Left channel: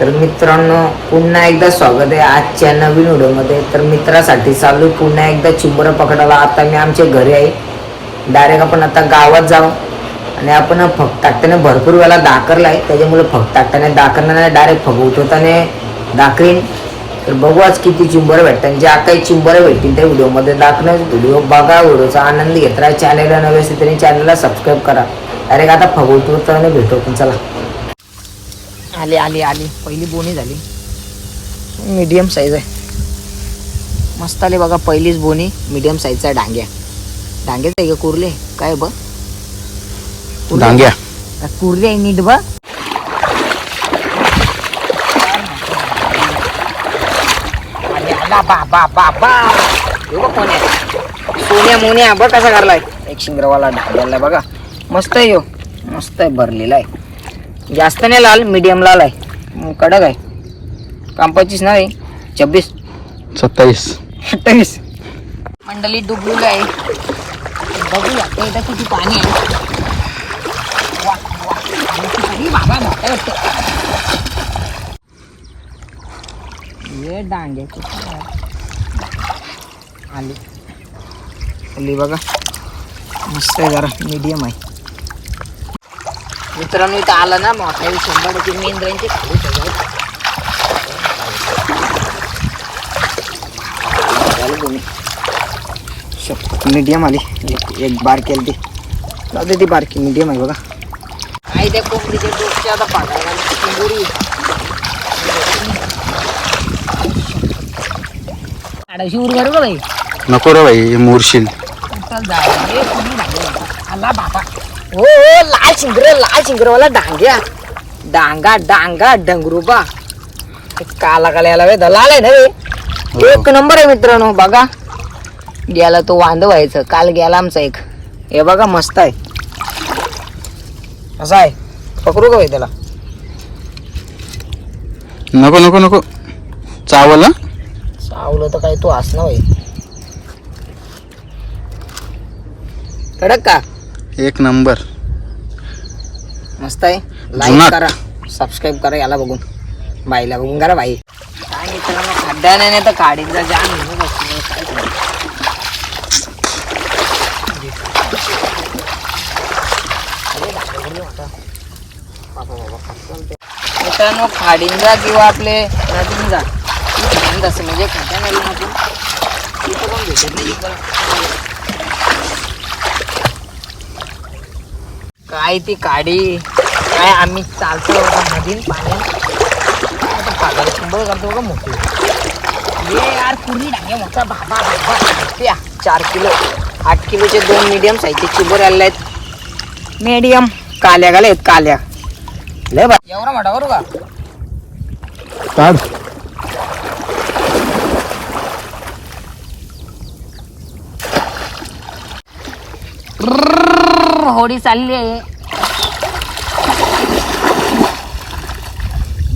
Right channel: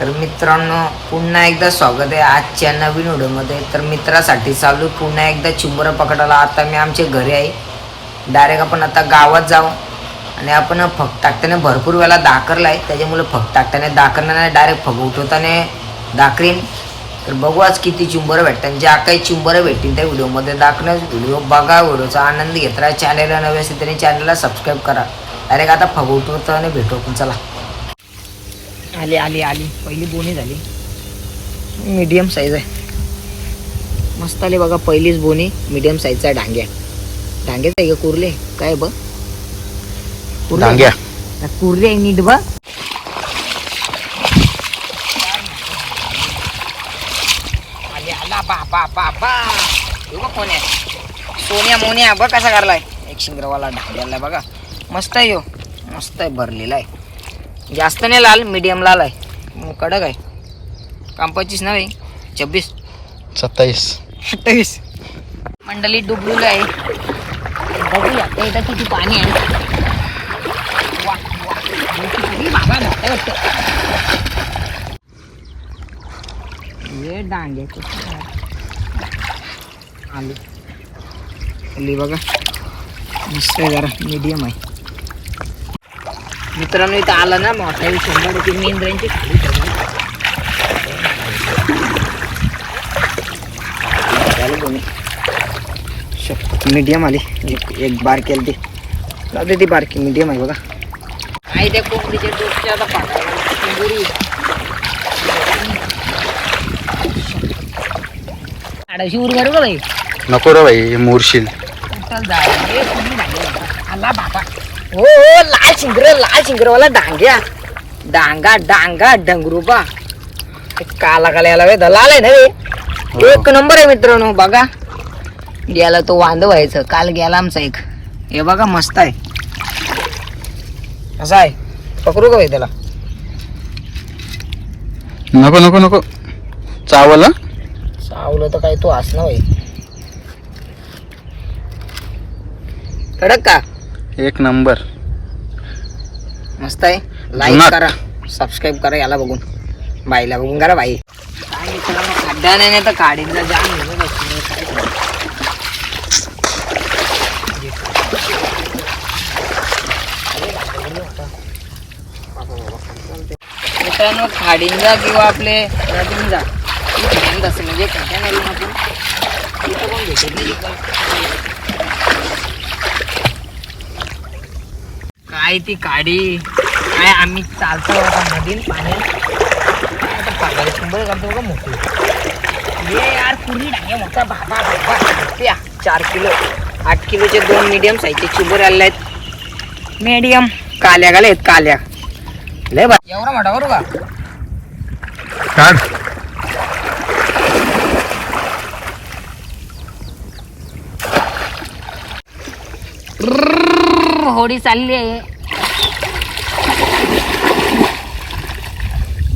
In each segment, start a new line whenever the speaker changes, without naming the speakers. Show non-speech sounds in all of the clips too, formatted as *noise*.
तर मित्रांनो पुन्हा एकदा स्वागत आहे आजच्या नवीन व्हिडिओमध्ये. तर मित्रासाठी चालू आहे पुन्हा एकदा चिंबर पकडायला. आता मी आमच्या घरी आहे. डायरेक्ट आपण आता गावात जाऊ. आणि आपण फकटाकट्याने भरपूर वेळा दाखरला आहे. त्याच्यामुळे फकटाकट्याने दाखरण्याने डायरेक्ट फग उठवताने दाखरीन. तर बघू आज किती चिंबर भेटतात. ज्या काही चिंबर भेटतील त्या व्हिडिओमध्ये दाखवण्यास व्हिडिओ बघा. व्हिडिओचा आनंद घेत राहा. चॅनलला नवे असेल तरी चॅनलला सबस्क्राईब करा. डायरेक्ट आता फगवतो तर भेटू पण चला. आली आली आली. पहिली बोनी झाली. मीडियम साईज आहे. मस्त आली बघा पहिलीच बोनी. मीडियम साईजचा डांग्या. डांग्याच आहे का कुर्ले? काय बघ. कुर्ले?
डांग्या.
कुर्ले आहे नीट बघ. हे कोण आहे. सोन्या मोन्या बघ कसा करलाय एक शिंगरवाला डांग्याला बघा. मस्त आहे यो मस्त आहे भरलेला आहे. जास्त नाही लाल मीडियम लाल आहे. कडक आहे. कांपाचीच नाही छब्बीस.
सत्तावीस.
अठ्ठावीस मंडळी डुबलेलं आहे. बघूया आता इथं किती पाणी आहे. ये डांग्याचे आली. आली बघा. मस्त आहे जरा मीडियम आहे. मित्रांनो इथं आला ना मग आता हे शंभर टक्के मी इंद्रांची खाली ठेवायचं मीडियम आली. एक एक बार केली ती. दे ती बारकी मीडियम आहे बघा. काय त्या कोंबडीच्या डोकच्या आता आडाशी उरगार का बाई
नको रे भाई मोरशील.
आला बाबा. हो हो लाल शिंगर लाल शिंगरवाला डांग्या. डांगा डांगा डंगरूबा. काला काला याला वे लाल आहे ना रे एक नंबर आहे मित्रांनो बघा. गेला तो वांद व्हायचं. काल गेला आमचा एक. हे बघा मस्त आहे. असं आहे. पकडू का त्याला?
नको नको नको. चावल? हं?
चावलं तर काही तो असं भाई कडक का?
एक नंबर.
मस्त आहे. लाईक. करा. सबस्क्राईब करा याला बघून. बाईला बघून करा बाई. काय मित्रांनो नाही नाही तर काढीचा जाम. मित्रांनो खाडींजा किंवा आपले असं म्हणजे भेटत नाही काय ती काडी. काय आम्ही चालतो नदीन पाण्यात. काय आता कुंबळ करतो बघा मोठी. ये यार पुरी डांग्या मोठा. बाबा बाबा. या चार किलो. आठ किलोचे दोन मिडियम साईजचे चिबर आले आहेत मीडियम काल्या गाले आहेत काल्या. लय बा एवढा मोठा का?
काढ.
होडी चालली आहे.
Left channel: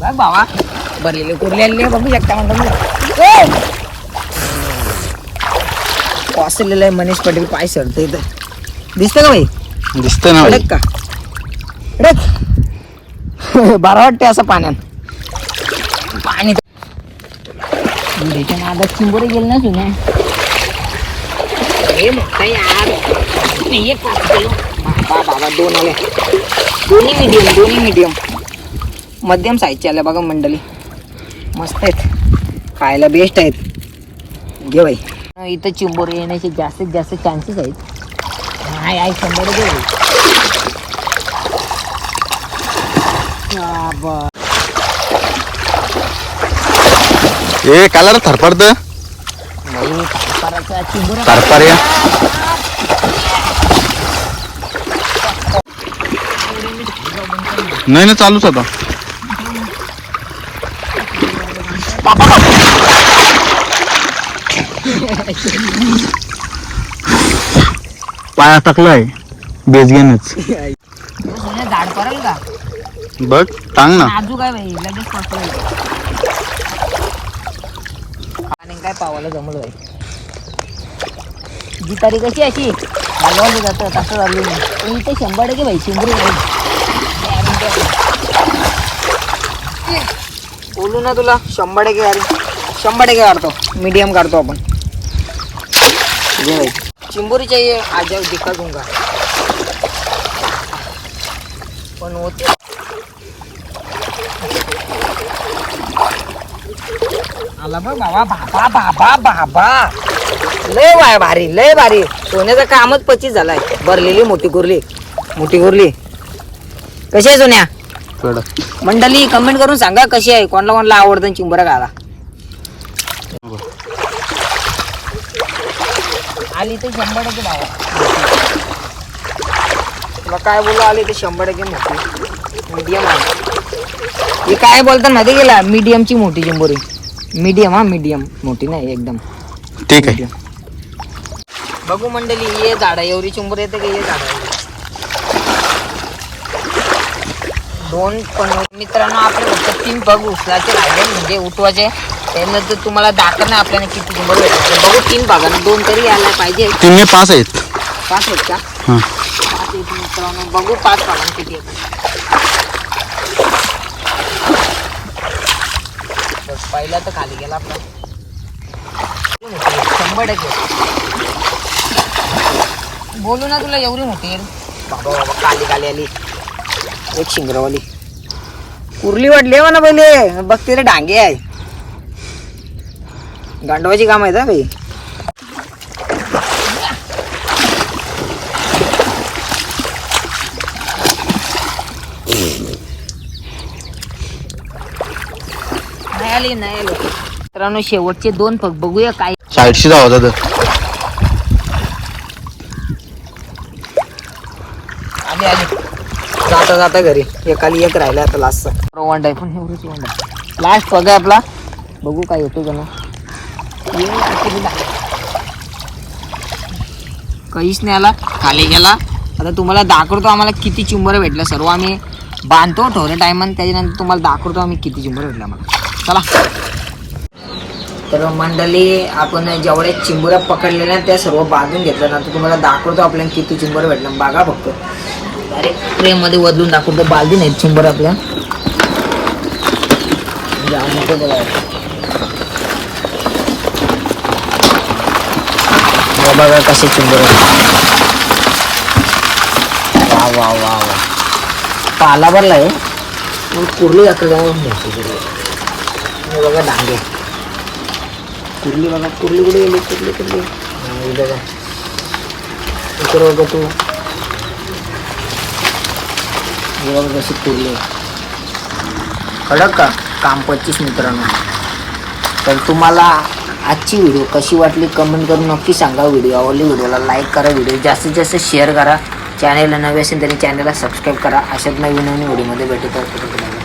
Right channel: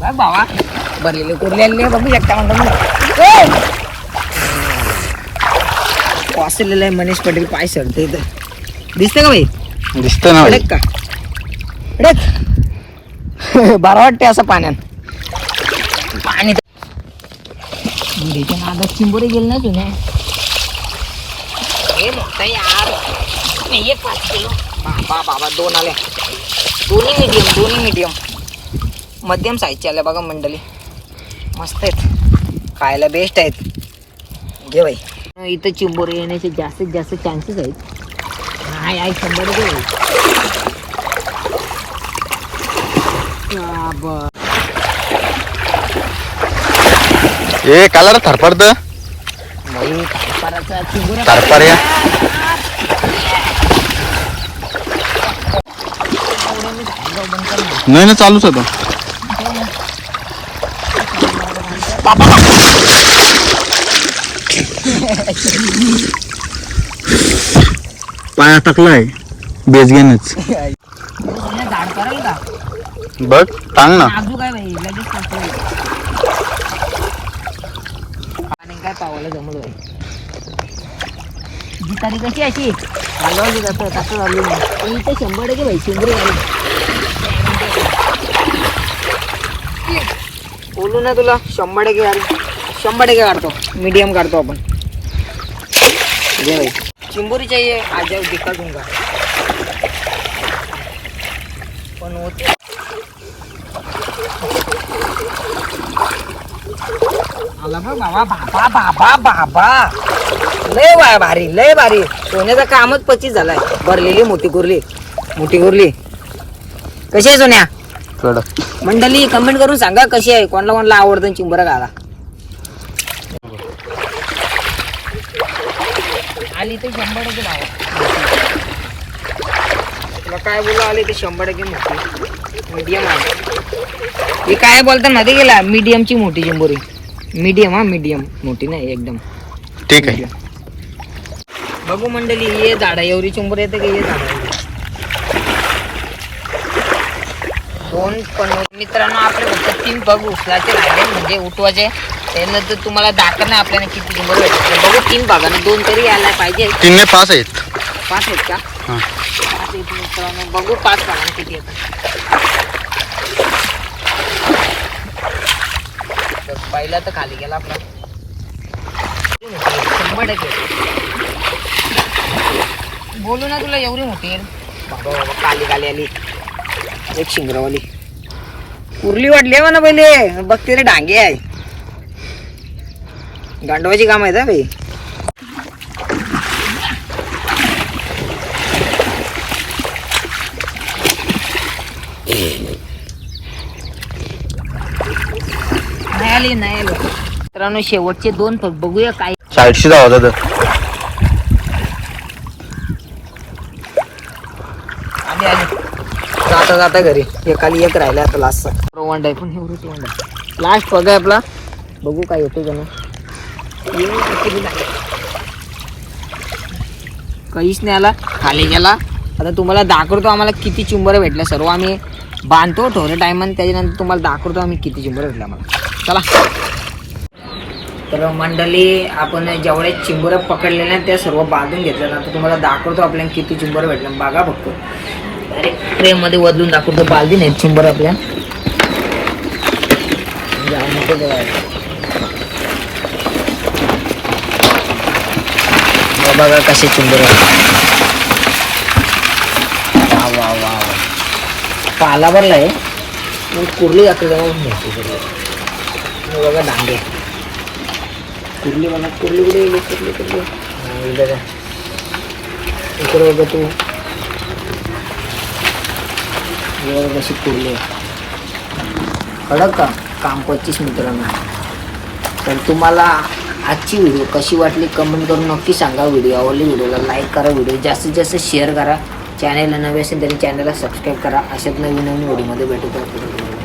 बघ बाबा. भरलेले कुरले आलेले बघू शकता म्हणतो मी वाचलेलं आहे मनीष पटेल पाय सरते इथं. दिसतं का भाई
दिसतंय ना
का? *laughs* बरं वाटते असं पाण्यात. पाणी चिंबोरे गेले ना हे मोठा यार. बाबा बाबा दोन आले. दोन्ही मिडियम दोन्ही मिडियम मध्यम साईजचे आले बघा मंडळी. मस्त आहेत. खायला बेस्ट आहेत. घे बाई. इथं चिंबोरे येण्याचे जास्तीत जास्त चान्सेस आहेत. नाही आहे शंभर. बाबा.
ए काला रे थरपडत थरपार या. नाही नाही चालूच आता पाया टाकलाय. बेजग्यानेच
झाड का
बघ टांग ना.
काय लगेच आणि काय पावायला जमलं जी तारीख कशी अशी हलवायची जातं कसं झालं नाही इथे शंभर टक्के भाई चिंबरी बोलू ना तुला शंभर टक्के काढू शंभर टक्के काढतो मीडियम काढतो आपण. ये भाई चिंबोरी चाहिए आ जाओ दिखा दूंगा पण होते. आला बघ बाबा बाबा बाबा बाबा. लय बाय भारी लय भारी. सोन्याचं कामच पच्चीस झालाय. भरलेली मोठी कुर्ली. मोठी कुर्ली. कशी आहे सोन्या? मंडळी कमेंट करून सांगा कशी आहे. कोणाला कोणाला आवडतं चिंबरा घाला आली तर शंभर टक्के डावा तुला काय बोलू आली तर शंभर टक्के मोठी. मीडियम आहे. हे काय बोलतात मध्ये गेला मीडियमची मोठी चिंबोरी मीडियम हा मीडियम मोठी नाही एकदम.
ठीक आहे.
बघू मंडळी ये झाडा एवढी चिंबोरी येते का? दोन पण मित्रांनो आपले फक्त तीन बघ. उचलाचे राहिले म्हणजे उठवायचे. त्यानंतर तुम्हाला दाखवणार नाही आपल्याला किती भेटतात बघू तीन भागाने दोन तरी यायला पाहिजे.
तीन पाच आहेत.
पाच आहेत का?
हं.
पाच आहेत मित्रांनो बघू पाच भागाने किती येतात. पहिला तर खाली गेला आपला. शंभर टक्के. बोलू ना तुला एवढी मोठी आहे. बाबा बाबा काली काली आली. एक शिंगरवाली. कुर्ली वाटली म्हणा पहिले. बघते रे डांगे आहे. गांडवाची काम आहेत हा भाई नाही आली नाही आली. मित्रांनो शेवटचे दोन फक्त बघूया काय.
साईडशी जाऊ दादा
आली आली. जाता जाता घरी. एकाली एक राहिला आता लास्टचा पण एवढंच वंड आहे. लास्ट आपला. बघू काय येतो का ना. काहीच नाही आला खाली गेला. आता तुम्हाला दाखवतो आम्हाला किती चिंबर भेटलं. सर्व आम्ही बांधतो थोड्या टायमान त्याच्यानंतर तुम्हाला दाखवतो आम्ही किती चिंबर भेटलं आम्हाला. चला. तर मंडळी आपण जेवढ्या चिंबोऱ्या पकडलेल्या आहेत त्या सर्व बांधून घेतल्या. नंतर तुम्हाला दाखवतो आपल्याला किती चिंबर भेटल्या बघा बघतो अरे ट्रेमध्ये बदलून दाखवतो. बालदी नाहीत चिंबर आपल्या. जाऊ नको तेव्हा. हे बघा कसे चिंबर वा वा वा वा. पाला आहे. मग कुर्ली दाखल मोठी कुर्ली. बघा डांगे कुर्ली बघा कुर्ली कुठे गेली? कुर्ली कुर्ली. हा, बघा. इकडे बघा तू. हे बघा कशी कुर्ली कडक का? काम पच्चीस मित्रांनो. तर तुम्हाला आजची व्हिडिओ कशी वाटली कमेंट करून नक्की सांगा. व्हिडिओ आवडली व्हिडिओला लाईक करा. व्हिडिओ जास्तीत जास्त शेअर करा. चॅनलला नवे असेल तरी चॅनलला सबस्क्राईब करा. अशाच नवीन नवीन व्हिडिओमध्ये भेटत असतो